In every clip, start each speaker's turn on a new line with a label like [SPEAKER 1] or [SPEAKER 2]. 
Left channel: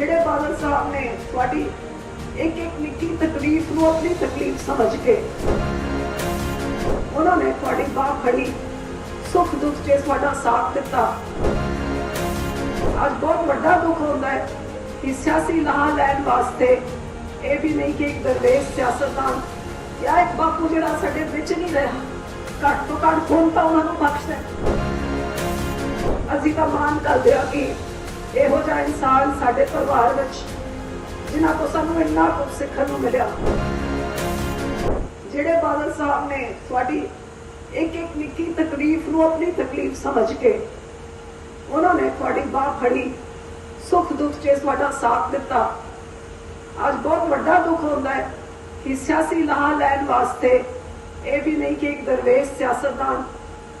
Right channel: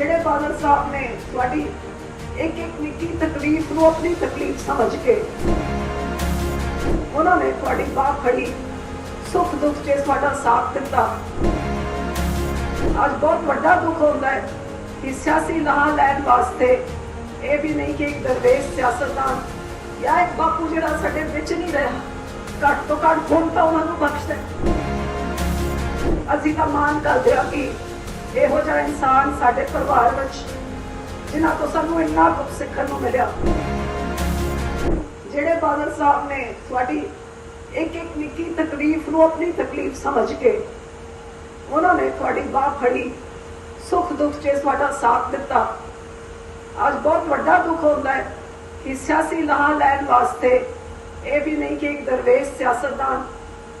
[SPEAKER 1] ਜਿਹੜੇ ਫਾਦਰ ਸਾਹਿਬ ਨੇ ਤੁਹਾਡੀ ਇੱਕ ਇੱਕ ਨਿੱਕੀ ਤਕਲੀਫ ਨੂੰ ਆਪਣੀ ਤਕਲੀਫ ਸਮਝ ਕੇ ਉਹਨਾਂ ਨੇ ਤੁਹਾਡੀ ਬਾਹ ਖੜੀ ਸੁੱਖ ਦੁੱਖ 'ਚ ਸਾਡਾ ਸਾਥ ਦਿੱਤਾ ਅੱਜ ਬਹੁਤ ਵੱਡਾ ਦੁੱਖ ਹੁੰਦਾ ਹੈ ਕਿ ਸਿਆਸੀ ਲਾਹ ਲੈਣ ਵਾਸਤੇ ਇਹ ਵੀ ਨਹੀਂ ਕਿ ਇੱਕ ਦਰਵੇਸ਼ ਸਿਆਸਤਦਾਨ ਜਾਂ ਇੱਕ ਬਾਪੂ ਜਿਹੜਾ ਸਾਡੇ ਵਿੱਚ ਨਹੀਂ ਰਿਹਾ ਘੱਟ ਤੋਂ ਘੱਟ ਹੁਣ ਤਾਂ ਉਹਨਾਂ ਨੂੰ ਬਖਸ਼ ਦੇ ਅਸੀਂ ਤਾਂ ਮਾਨ ਕਰਦੇ ਆ ਕਿ ਇਹੋ ਜਿਹਾ ਇਨਸਾਨ ਸਾਡੇ ਪਰਿਵਾਰ ਵਿੱਚ ਜਿਨ੍ਹਾਂ ਤੋਂ ਸਾਨੂੰ ਇੰਨਾ ਕੁਝ ਸਿੱਖਣ ਨੂੰ ਮਿਲਿਆ ਜਿਹੜੇ ਬਾਦਲ ਸਾਹਿਬ ਨੇ ਤੁਹਾਡੀ ਇੱਕ ਇੱਕ ਨਿੱਕੀ ਤਕਲੀਫ ਨੂੰ ਆਪਣੀ ਤਕਲੀਫ ਸਮਝ ਕੇ ਉਹਨਾਂ ਨੇ ਤੁਹਾਡੀ ਬਾਹ ਫੜੀ ਸੁੱਖ ਦੁੱਖ 'ਚ ਤੁਹਾਡਾ ਸਾਥ ਦਿੱਤਾ ਅੱਜ ਬਹੁਤ ਵੱਡਾ ਦੁੱਖ ਹੁੰਦਾ ਹੈ ਕਿ ਸਿਆਸੀ ਲਾਹ ਲੈਣ ਵਾਸਤੇ ਇਹ ਵੀ ਨਹੀਂ ਕਿ ਇੱਕ ਦਰਵੇਸ਼ ਸਿਆਸਤਦਾਨ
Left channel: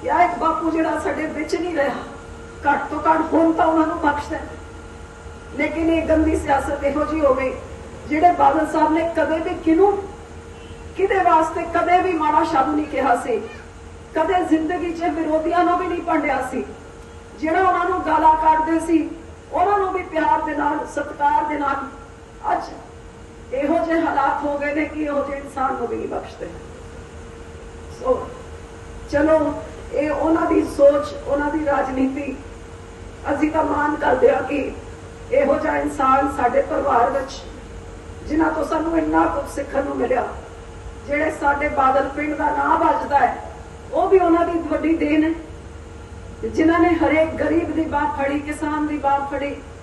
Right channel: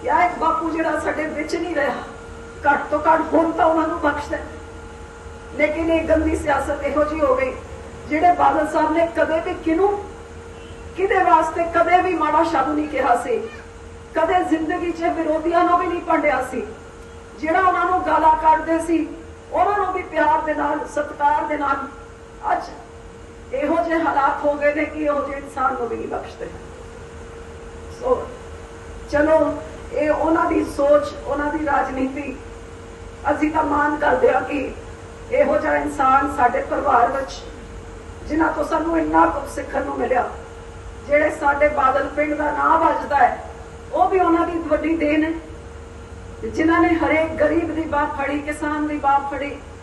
[SPEAKER 1] ਜਾਂ ਇੱਕ ਬਾਪੂ ਜਿਹੜਾ ਸਾਡੇ ਵਿੱਚ ਨਹੀਂ ਰਿਹਾ ਘੱਟ ਤੋਂ ਘੱਟ ਗੁਣ ਤਾਂ ਉਹਨਾਂ ਨੂੰ ਬਖਸ਼ਦੇ ਲੇਕਿਨ ਇਹ ਗੰਦੀ ਸਿਆਸਤ ਇਹੋ ਜੀ ਹੋ ਗਈ ਜਿਹੜੇ ਬਾਦਲ ਸਾਹਿਬ ਨੇ ਕਦੇ ਵੀ ਕਿਨੂੰ ਕਿਦੇ ਵਾਸਤੇ ਕਦੇ ਵੀ ਮਾੜਾ ਸ਼ਬਦ ਨਹੀਂ ਕਿਹਾ ਸੀ ਕਦੇ ਜ਼ਿੰਦਗੀ 'ਚ ਵਿਰੋਧੀਆਂ ਨੂੰ ਵੀ ਨਹੀਂ ਪੰਡਿਆ ਸੀ ਜਿਹੜਾ ਉਹਨਾਂ ਨੂੰ ਗਾਲਾਂ ਕੱਢਦੇ ਸੀ ਉਹਨਾਂ ਨੂੰ ਵੀ ਪਿਆਰ ਦੇ ਨਾਲ ਸਤਿਕਾਰ ਦੇ ਨਾਲ ਅੱਜ ਇਹੋ ਜਿਹੇ ਹਾਲਾਤ ਹੋ ਗਏ ਨੇ ਕਿ ਉਹ ਜੇ ਇਨਸਾਨ ਨੂੰ ਵੀ ਨਹੀਂ ਬਖਸ਼ਦੇ ਸੋ ਚਲੋ ਇਹ ਉਹਨਾਂ ਦੀ ਸੋਚ ਉਹਨਾਂ ਦੀ ਰਾਜਨੀਤੀ ਅਸੀਂ ਤਾਂ ਮਾਨ ਕਰਦੇ ਹਾਂ ਕਿ ਇਹੋ ਜਿਹਾ ਇਨਸਾਨ ਸਾਡੇ ਪਰਿਵਾਰ ਵਿੱਚ ਜਿਨ੍ਹਾਂ ਤੋਂ ਸਾਨੂੰ ਇੰਨਾ ਕੁਝ ਸਿੱਖਣ ਨੂੰ ਮਿਲਿਆ ਜਿਹੜੇ ਸਾਡੇ ਬਾਦਲ ਪਿੰਡ ਦਾ ਨਾਂ ਵੱਜਦਾ ਹੈ ਉਹ ਵੀ ਉਹਨਾਂ ਦੀ ਵੱਡੀ ਦੇਣ ਹੈ ਜਿਨ੍ਹਾਂ ਨੇ ਹਰੇਕ ਗਰੀਬ ਦੀ ਬਾਤ ਫੜੀ ਕਿਸਾਨ ਦੀ ਬਾਤ ਫੜੀ